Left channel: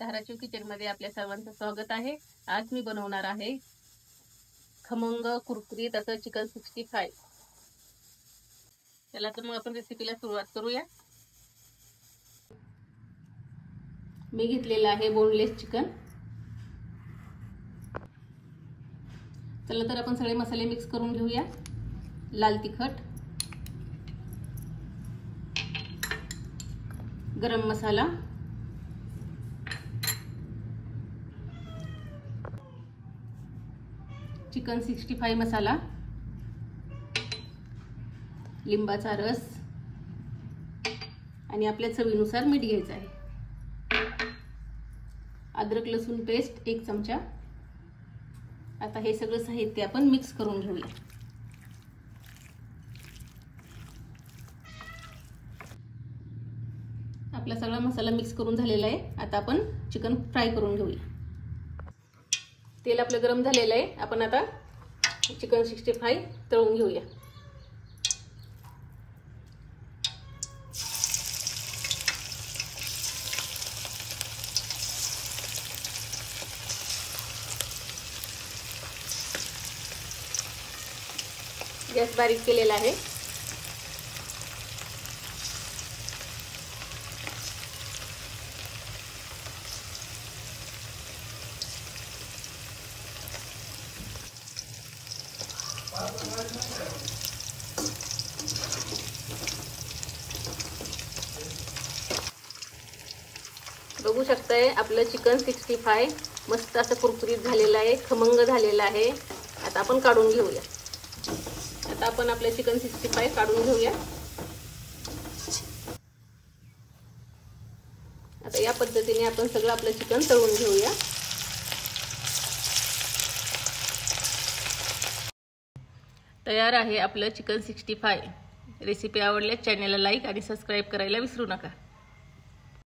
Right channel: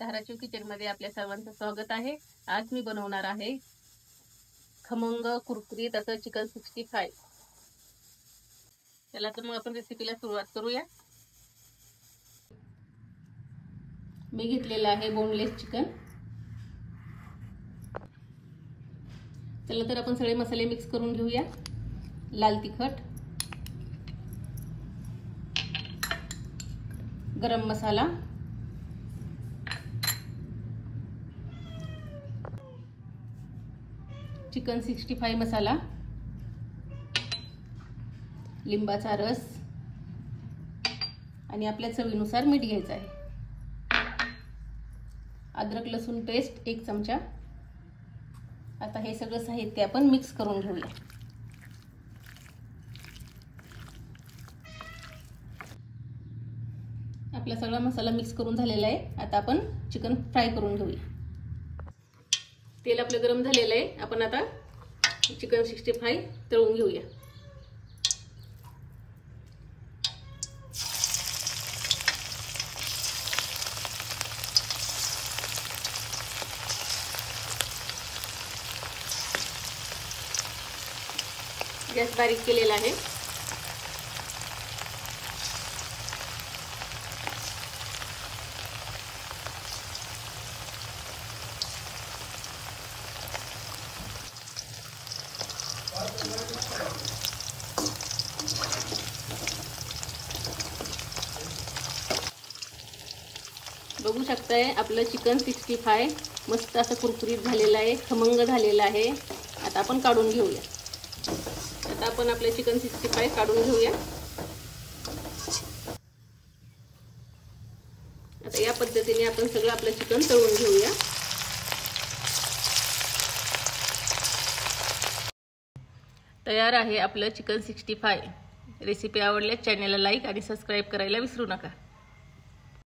Dharashiv kitchen मध्ये आपल्या सर्वांचं स्वागत आहे। आज मी बनवणार आहे खमंग कुरकुरीत असं चिकन 65। चला तर मग आपण रेसिपीला सुरुवात करूया। मी घेतलेला आहे बोनलेस चिकन। चला तर आपण सगळे मसाले मिक्स करून घेऊया। लाल तिखट, गरम मसाला, चिकन 65 मसाला, लिंबाचा रस आणि आपल्या चवीनुसार मीठ घ्यायचं आहे। अद्रक लसूण पेस्ट 1 चमचा। आता हे सगळं साहित्य आपण मिक्स करून घेऊया। आपला सगळा मसाला मिक्स करून झालेला आहे। आता आपण चिकन फ्राय करून घेऊया। तेल आपलं गरम झालेलं आहे। आपण आता चिकन 65 तळून घेऊया। गॅस बारीक केलेला आहे। बघू शकताय आपलं चिकन 65 मस्त असं कुरकुरीत झालेलं आहे, खमंग झालेलं आहे। आता आपण काढून घेऊया। आता आपण आपलं चिकन 65 काढून घेऊया। आता या पद्धतीने आपण सगळं आपलं चिकन तळून घेऊया। तयार आहे आपलं चिकन 65। रेसिपी आवडल्यास चॅनलला लाईक आणि सबस्क्राइब करायला विसरू नका।